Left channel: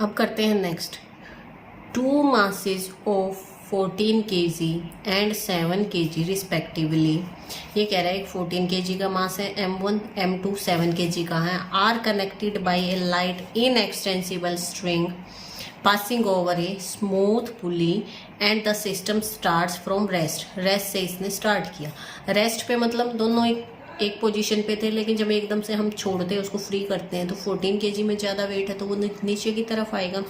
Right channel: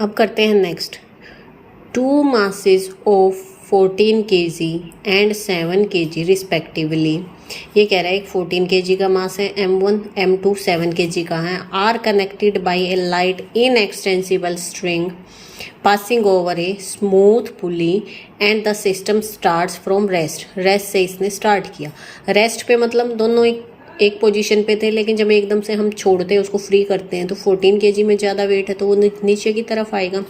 अब करते हैं next. 2 masses of 14 kg and 7 kg respectively. ये कह रहा है 14 kg का मास है M1, M2 7 kg का है, are connected by a light inextensible string passing over a smooth pulley and the system starts from rest. Rest से इसने स्टार्ट किया। रेस्ट पे मतलब दोनों एक पोजीशन पे थे, लेकिन जब एकदम से हम छोड़ते हैं उसको फ्री करते हैं तो 14 kg में ज़्यादा वेट है तो वो नीचे की तरफ आएगा।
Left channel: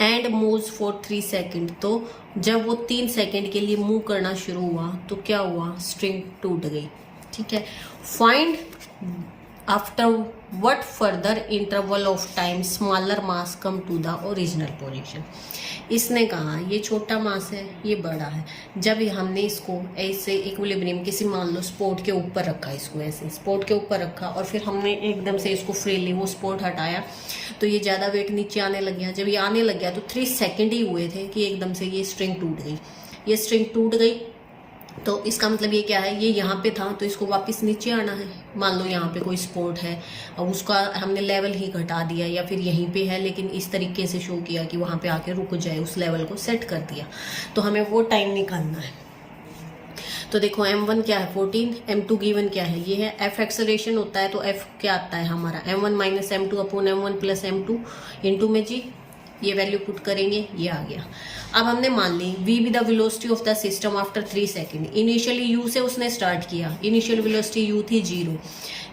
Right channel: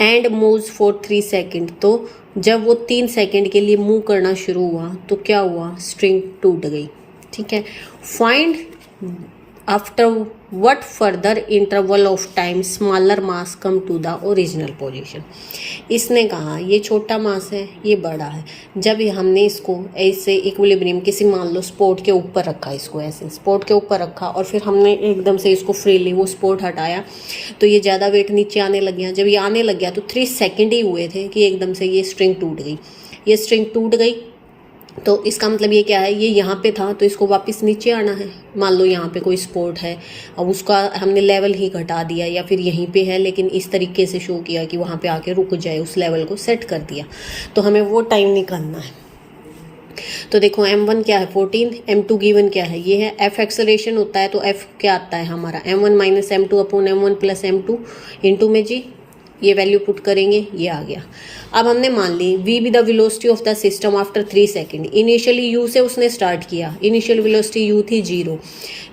एंड मूव्स फॉर 3 सेकेंड, तो जब वो 3 सेकेंड के लिए मूव करना शुरू हुआ तो क्या हुआ, स्ट्रिंग टूट गई। ठीक है, find after what further interval of time smaller mass come to the original position. इसने कहा ये छोटा मास है, ये बड़ा है। जब हमने इसको ऐसे इक्विलिब्रियम किसी मान लो स्पोर्ट के ऊपर रखा, इसको ऐसे स्पोर्ट के ऊपर रखा और फिर हमने एकदम से इसको फ्रीली वो स्पोर्ट हटाया तो ये ज़्यादा वेट नीचे आने लग गया। जब ये आने लग गया तो 3 सेकेंड ही हुए थे कि एकदम से ये स्ट्रिंग टूट गई। ये स्ट्रिंग टूट गई तो इसका मतलब ये क्या है, ये यहाँ पे था तो इसको वापस नीचे आना है। मान लो यहाँ पे कोई स्पोर्ट है, अब उसका हमने लेवल ही घटा दिया या फिर यहीं पे है लेकिन इस तरीके से शो किया कि वहाँ पे आके रुक जाए, उस लेवल को सेट कर दिया, तो हमें वो टाइम निकालना है। तो देखो M1 क्या है 14, M2 गिवन क्या है, ये है F एक्सेलरेशन होता है तो F क्या आता है हमारा M1 minus M2 upon M1 plus M2 into में G, ये वैल्यू पुट करेंगे, ये आ गया। अब हमने मान ली V be the velocity of the system after 3 second. Initially U से उसने स्टार्ट किया, इनिशियल वेलोसिटी U थी 0,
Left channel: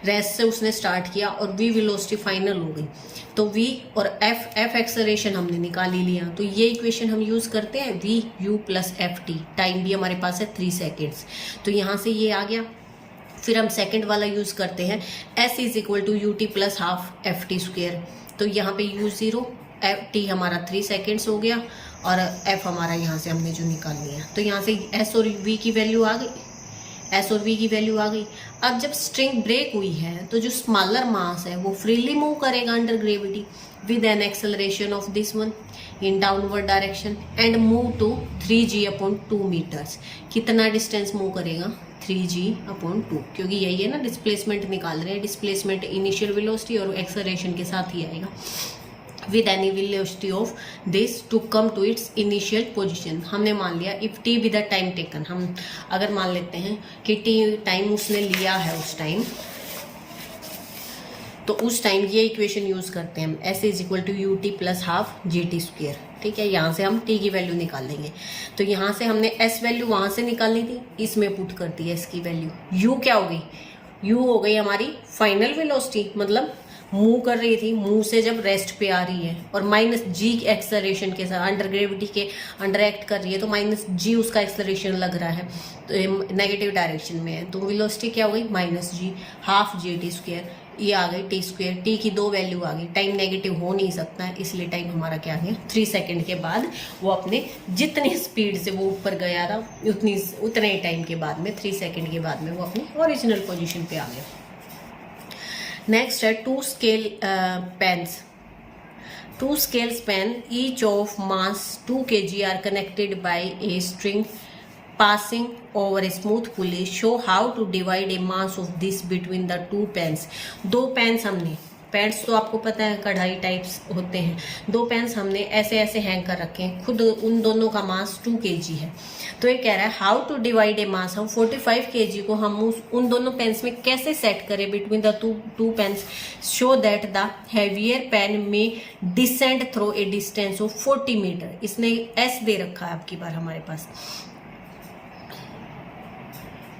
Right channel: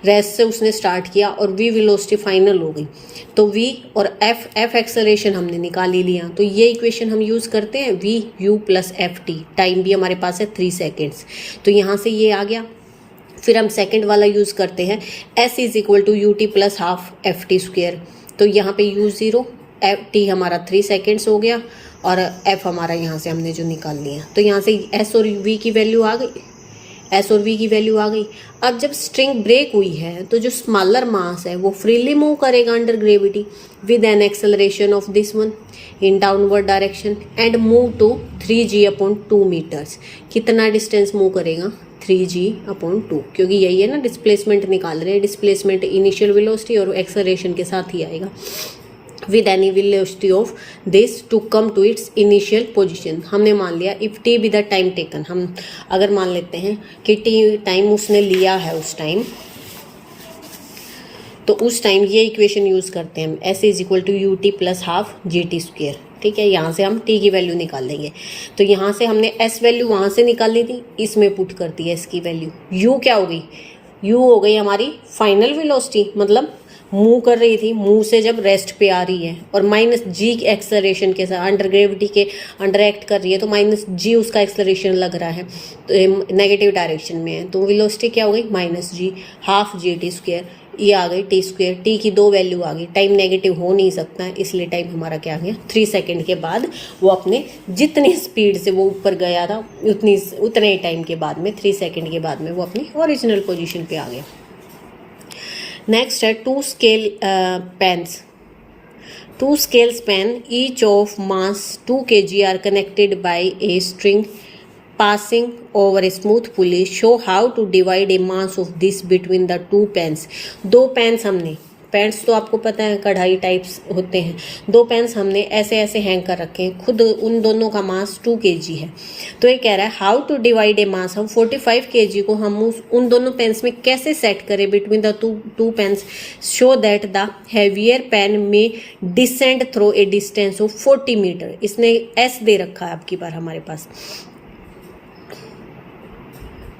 रेस्ट से उसने स्टार्ट किया और V वेलोसिटी फाइनल हो गई। तो V और F एक्सेलरेशन हमने निकाल ही लिया, तो ये इक्वेशन हम यूज़ करते हैं V U plus FT। Time भी हमारे पास है 3 सेकेंड्स, तो यहाँ से ये आ गया। फिर हम सेकेंड वाला यूज़ करते हैं S is equal to UT plus half FT square. तो यहाँ पे U0 FT हमारा 3 सेकेंड्स हो गया और F हमारा यहाँ से हमने जो निकाल लिया, तो यहाँ से S और V की वैल्यू आ गई, S और V की वैल्यू आ गई। अब जब स्ट्रिंग ब्रेक हुई है तो जो स्मॉलर मास है वो फ्रीली मूव करेगा under gravity with an acceleration of this one in downward direction and move to 3g upon 2 meters. कितना डिस्टेंस मूव करेगा, 3g अपॉन 2, क्योंकि यही है ना डिस्प्लेसमेंट निकाल रहे हैं। डिस्प्लेसमेंट इनिशियल वेलोसिटी और एक्सेलरेशन के साथ ही आएगा। with any velocity of this to come to its initial position। हमने मान लिया if t be the time taken, हम अगर मान लेते हैं कि t टाइम उसने लिया है उस टाइम, तो उस टाइम ये इक्वेशन यूज़ करते हैं हम S is equal to U T plus half G T square. ठीक है, यहाँ से हम t की वैल्यू निकाल लेंगे। तो यहाँ से हमने S वैल्यू वहाँ से निकालनी थी, इसमें पुट कर दी S की वैल्यू। U क्या हो गई, U हो गई हमारी फाइनल वेलोसिटी, मतलब मूव कर रही थी, मूव से जब रेस्ट पे आ रही है, और माइनस जी एक्सेलरेशन के साथ अंडर ग्रेविटी के अंडर एक्ट कर रही है तो माइनस जी उसका एक्सेलरेशन लग रहा है तो नेगेटिव डायरेक्शन में है, तो वेलोसिटी क्या हो गई माइनस जी हाफ जी टी स्क्वेयर। ये आ गई टी स्क्वेयर, टी की 2 वैल्यू आ गई। टाइम नेगेटिव हो नहीं सकता है इसलिए टाइम हमारा क्या आ गया 3 सेकेंड के बाद वो अपने जितनी स्पीड से वो ऊपर गया था उतने ही टाइम के बाद में 3 सेकेंड के बाद में वो अपनी ओरिजिनल पोजीशन पे आ गया। नेक्स्ट है 2 scale pens. 2 scales pen each of mass 2 kg are connected by a string passing over a smooth pulley। show how to divide a mass of this between the 2 pens। 2 pens हमने, pens तो आपको पता है कढ़ाई types होते हैं, 2 pens हमने ऐसे ऐसे हैंग कर रखे हैं, खुद उन दोनों का मास 2 kg है। तो ये कह रहा है हाउ टू डिवाइड ए मास, हम 45 kg को हम उन दोनों पेन्स में कैसे सेट करें between the two pens, show that the heavier pen may descend through a distance of 40 metre. इसने एस दे रखा है आपकी बार हमारे पास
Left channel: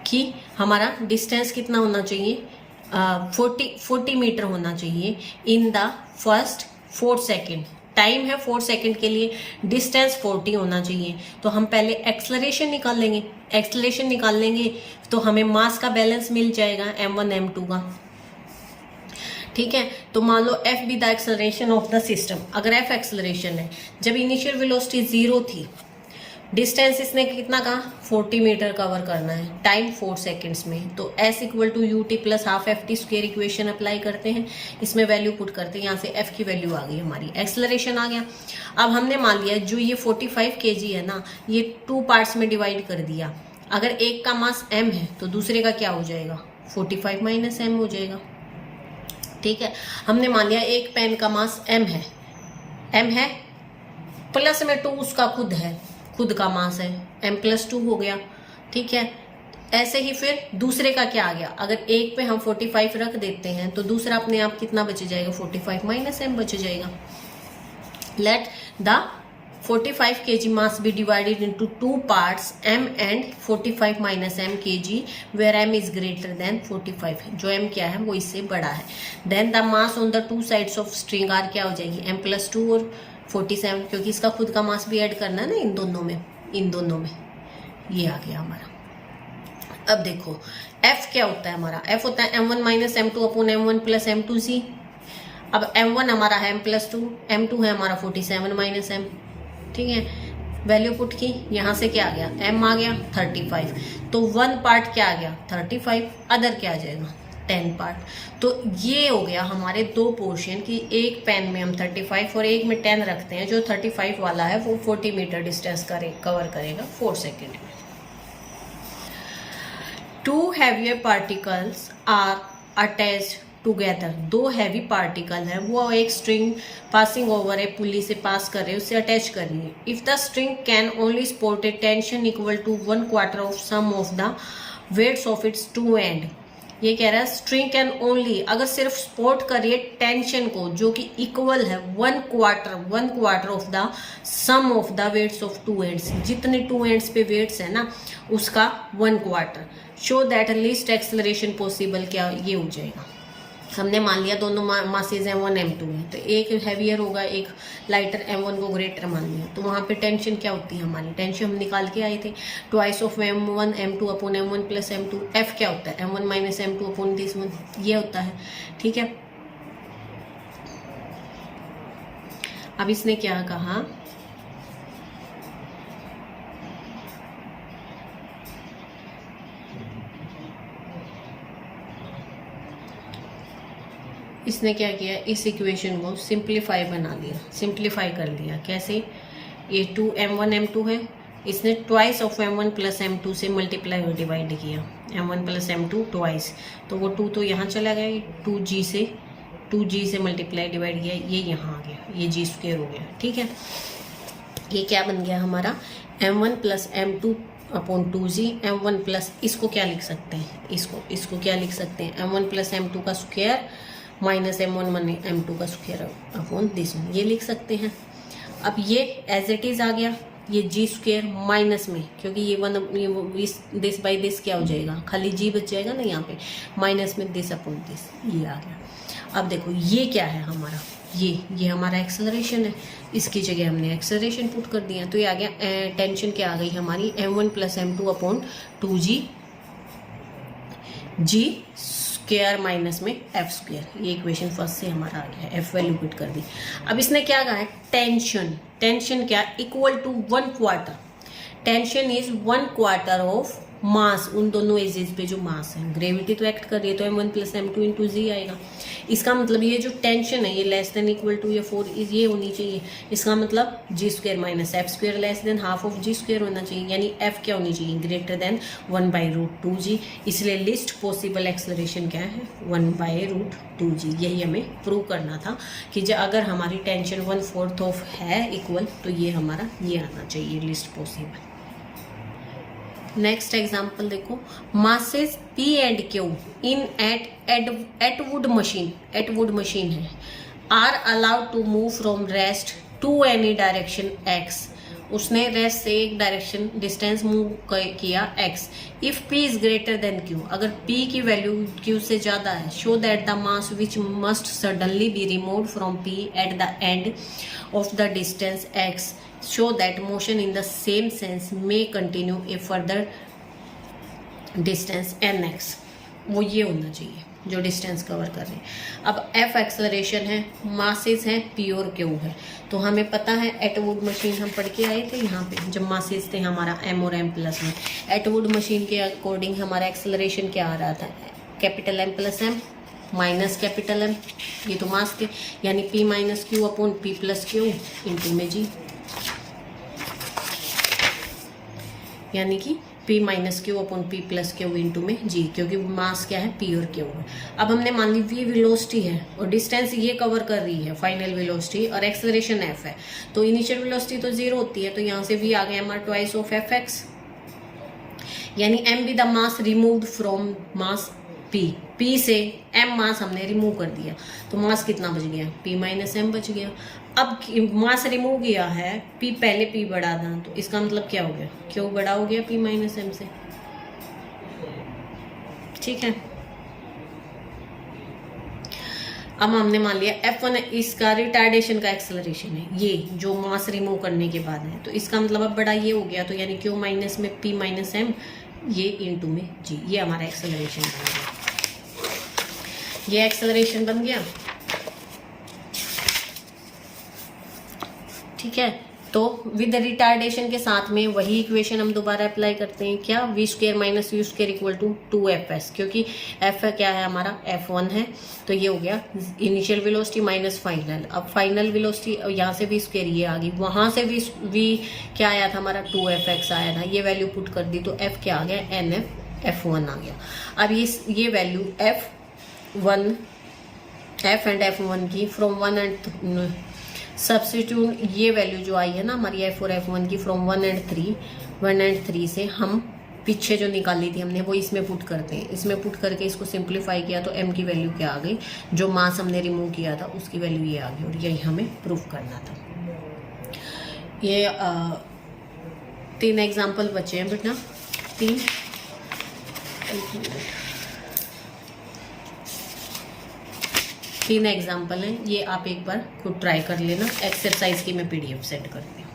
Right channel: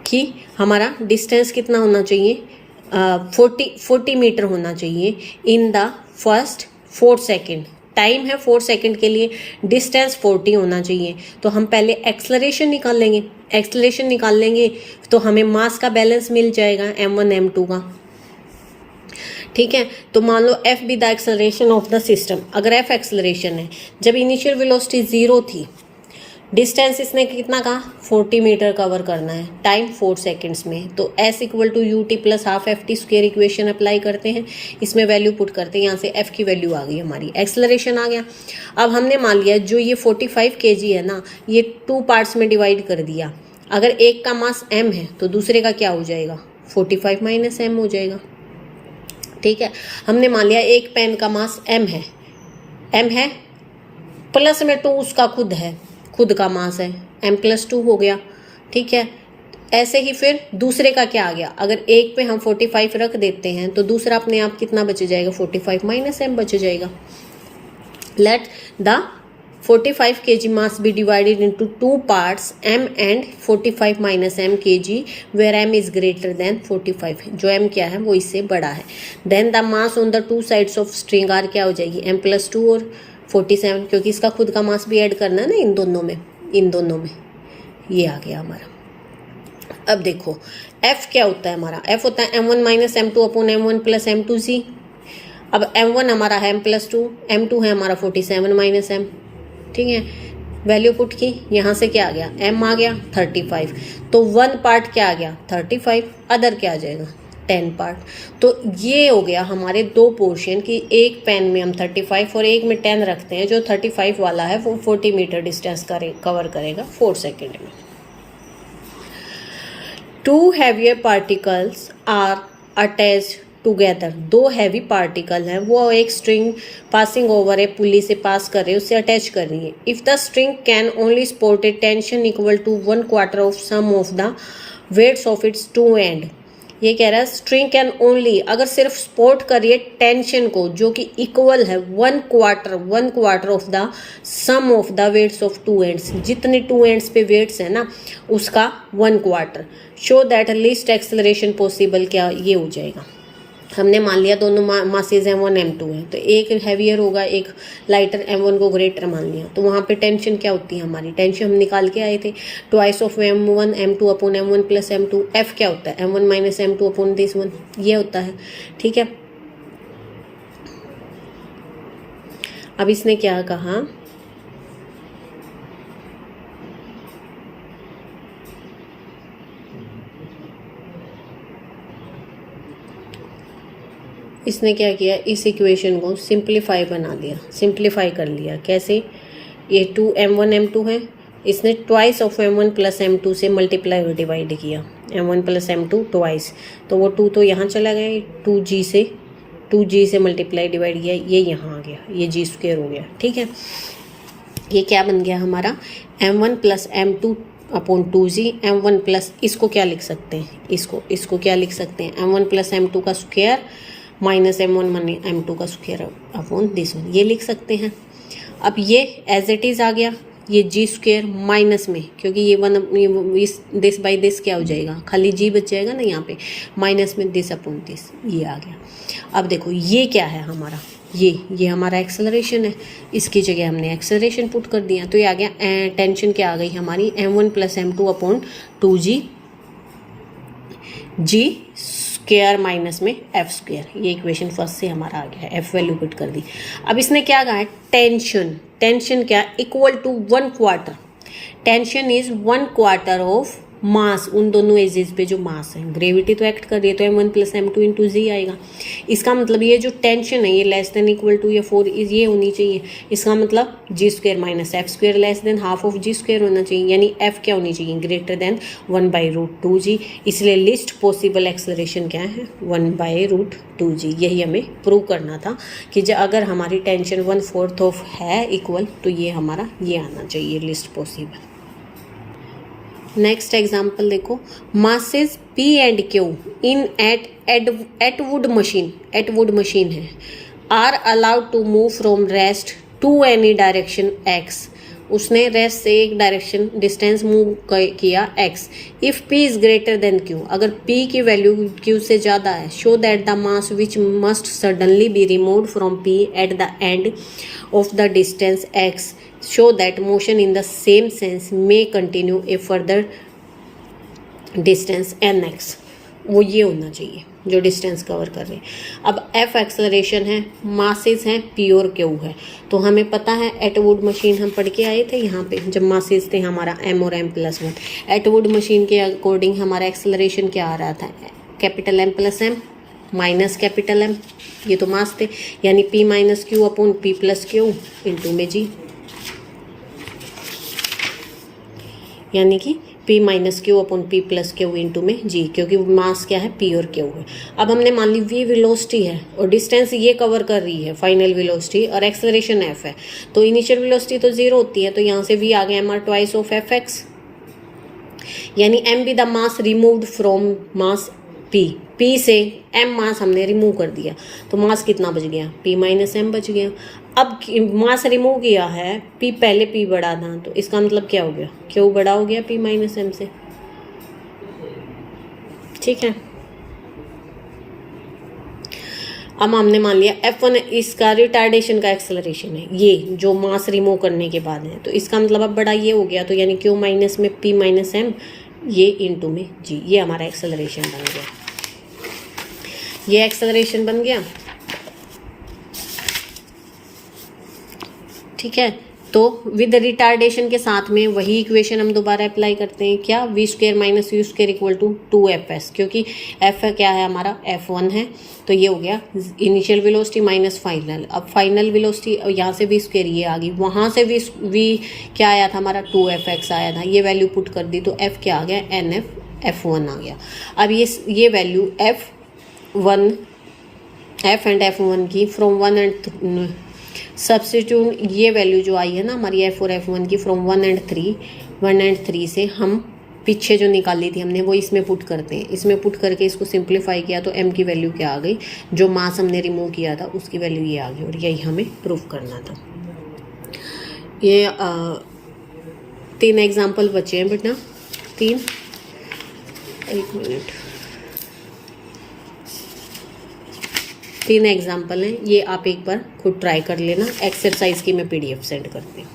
कि हमारा डिस्टेंस कितना होना चाहिए, 40 मीटर होना चाहिए in the first 4 second. Time है 4 सेकेंड के लिए, डिस्टेंस 40 होना चाहिए। तो हम पहले एक्सेलरेशन निकाल लेंगे, एक्सेलरेशन निकाल लेंगे तो हमें मास का बैलेंस मिल जाएगा m1 m2 का। ठीक है, तो मान लो f be the acceleration of the system. अगर f एक्सेलरेशन है, जब इनिशियल वेलोसिटी 0 थी, डिस्टेंस इसने कितना कहा 40 मीटर कवर करना है, टाइम 4 सेकेंड्स में, तो s equal to U T plus half F T square equation apply करते हैं, इसमें वैल्यू पुट करते हैं, यहाँ से f की वैल्यू आ गई हमारी, एक्सेलरेशन आ गया। अब हमने मान लिया जो ये 45 kg है ना, ये 2 पार्ट्स में डिवाइड कर दिया। अगर एक का मास m है तो दूसरे का क्या हो जाएगा 45 माइनस m हो जाएगा। ठीक है, हमने मान लिया एक पेन का मास m है, m है, प्लस में 2 उसका खुद है, खुद का मास है, m+2 हो गया। ठीक है, ऐसे ही फिर दूसरे का क्या आ गया, अगर एक पे हम 45 रख देते हैं तो दूसरा अपने आप कितना बच जाएगा, 45 माइनस m बच जाएगा। Let the 45 kg mass be divided into 2 parts, m and 45 minus m kg, where m is greater than 45, जो m क्या है वो इससे बड़ा है। Then the mass on the two sides of string r क्या हो जाएगी, m+2 और 47, क्योंकि इसका खुद का मास भी ऐड करना है ना इन दोनों में, ये आ गया हमारा। अब देखो f क्या होता है हमारा, f होता है m1 minus m2 upon m1 plus m2c। अब m1 हमारा है m+2, m2 है हमारा 47 माइनस m। ठीक है, वैल्यू पुट की, यहाँ से क्या आ गया, m आ गया 35, तो 1 पार्ट क्या आ गया 35, अदर क्या आ जाएगा 10 पार्ट। तो ये हो गया हमारे 2 पोर्शन की, एक पेन में हम 35 और एक में 10 रखते हैं। जो 35 वाला है वो 40 मीटर डिस्टेंस कवर करेगा 4 सेकेंड में। 2 heavier particles are attached together, 2 heavy particle हैं, वो एक स्ट्रिंग पासिंग ओवर ए पुली से पास कर रहे हैं, उससे अटैच कर रही है। If the string can only support a tension equal to 1/4 of sum of the weights of its 2 end. ये कह रहा है स्ट्रिंग कैन ओनली, अगर सिर्फ सपोर्ट करिए टेंशन को जो कि इक्वल है 1/4 of the sum of the weights of 2 ends, जितने 2 एंड्स पे वेट्स है ना उसका 1/4, show that least acceleration possible, क्या ये हो जाएगा। हमने मान लिया दोनों मासेज m1 m2 है, तो एक हैवियर होगा एक लाइटर, m1 को ग्रेटर मान लिया, तो वहाँ पे टेंशन क्या होती है हमारी, टेंशन हम निकाल के आए थे twice of m1 m2 upon m1 plus m2। f क्या होता है m1 minus m2 upon this 1, ये होता है। ठीक है, अब इसने क्या कहा, इसने क्या किया, इस इक्वेशन को सिंप्लीफाई बना दिया, सिंप्लीफाई कर लिया। कैसे, ये 2m1 m2 है, इसने twice of m1 plus m2 से मल्टीप्लाई और डिवाइड किया, m1 प्लस m2 ट्वाइस, तो वो 2 तो यहाँ चला गया, 2g से मल्टीप्लाई डिवाइड किया, ये यहाँ आ गया, ये g² हो गया। ठीक है, ये क्या बन गया हमारा m1 plus m2 upon 2g, m1 plus, इसको क्या लिख सकते हैं, इसको क्या लिख सकते हैं, m1 प्लस m2 का स्क्वायर माइनस m1 m2 का स्क्वायर अपॉन दिस 1, ये लिख सकते हैं। अब ये एज इट इज़ आ गया, ये g² माइनस में, क्योंकि ये 1 दिस बाई दिस क्या हो जाएगा, खाली g बच जाएगा ना यहाँ पे, माइनस में दिस अपॉन दिस, ये आ गया। अब देखो ये क्या है हमारा, ये हमारा एक्सेलरेशन है, इसकी जगह हमने एक्सेलरेशन पुट कर दिया, तो ये आ गया, टेंशन क्या आ गई हमारी m1 plus m2 upon 2g g² minus में f², ये इक्वेशन फर्स्ट से हमारा आ गया है, f वैल्यू पुट कर दी। अब इसने क्या कहा है, टेंशन क्या equal to 1/4, tension is 1/4 of mass, उन दोनों एजेस पे जो मास है, ग्रेविटी तो एक्ट कर रही है तो m1 प्लस m2 इंटू जी आएगा। इसका मतलब ये जो टेंशन है ये लेस देन इक्वल टू, ये 4 ये होनी चाहिए, इसका मतलब g² minus f² less than half of g² होना चाहिए, यानी f क्या होनी चाहिए, ग्रेटर देन 1/√2g। इसलिए लिस्ट पॉसिबल एक्सेलरेशन क्या है, 1/√2g। यही हमें प्रूव करना था कि जब अगर हमारी टेंशन 1/4 ऑफ है इक्वल, तो ये हमारा ये आना चाहिए लिस्ट पॉसिबल। नेक्स्ट एग्जाम्पल देखो, masses P and Q in Atwood machine है, are allowed to move from rest to any direction x। उसने रेस्ट से एक डायरेक्शन डिस्टेंस मूव किया x। If P is greater than Q, अगर P की value Q से ज़्यादा है, show that the mass which must suddenly be removed from P at the end of the distance x, show that motion in the same sense may continue a further distance nx। वो ये होना चाहिए जो distance cover कर रहे हैं। अब f acceleration है, मासेस हैं p और q है, तो हमें पता है एटवुड मशीन हम पढ़ के आए थे यहाँ पे, जब मासेस थे हमारा m और m+1। एटवुड मशीन के अकॉर्डिंग हमारा एक्सेलरेशन क्या आ रहा था, capital M plus M minus capital M, ये तो मास थे, यानी p minus q upon p plus q into में g, यानी कि P minus Q upon P plus Q into में G, क्योंकि मास क्या है P और क्यू है। अब हमने मान ली V वेलोसिटी है और डिस्टेंस ये कवर कर रही है फाइनल वेलोसिटी और एक्सेलरेशन F है, तो इनिशियल वेलोसिटी तो 0 होती है, तो यहाँ से V आ गया mr ट्वाइस ऑफ Fx, यानी m be the mass removed from mass P से m मास हमने रिमूव कर दिया, तो मास कितना बच गया, P माइनस m बच गया। अब मास रिमूव किया है, P पहले P बड़ा था, तो इसका मतलब क्या हो गया, Q बड़ा हो गया P माइनस m से, ठीक है। अब हमने मान लिया F1 इसका रिटार्डेशन का एक्सेलरेशन है, ये जो मास रिमूव करने के बाद है, तो इसका मतलब अब बड़ा ये हो गया, तो यानी Q माइनस में P माइनस m, ये इंटू में G, ये हमारा एक्सेलरेशन बन गया, ये एक्सेलरेशन बन गया, ठीक है। तो विद रिटार्डेशन के साथ में वही इक्वेशन हम दोबारा अप्लाई करते हैं, क्या, V square minus U square equal to 2fs, क्योंकि f क्या है हमारा F1 है, तो ये हो गया इनिशियल वेलोसिटी माइनस फाइनल। अब फाइनल वेलोसिटी यहाँ से वी स्क्वायर ये आ गई, वहाँ से वी क्या आया था हमारा 2fx आया था, ये वैल्यू पुट कर दी, तो f क्या आ गया F1 आ गया। अब ये वैल्यू f एंड F1 की फ्रॉम 1 एंड सब्स्टिट्यूट, ये वैल्यू जो आई है ना हमारी F और F1 की फ्रॉम 1 एंड 3 से हम पीछे जो निकाली थी हमने वो इसमें पुट करते हैं, इसमें पुट करके इसको सिंप्लीफाई किया तो m की वैल्यू क्या आ गई, जो मास हमने रिमूव किया था उसकी वैल्यू ये आ गई, और यही हमें प्रूव करना था। ये 3 एग्जाम्पल बचे हैं बेटा, 3, 1 मिनट, 3 एग्जाम्पल हैं, ये आप एक बार खुद ट्राई कर लेना। एक्सरसाइज की मैं PDF सेंड करती हूँ।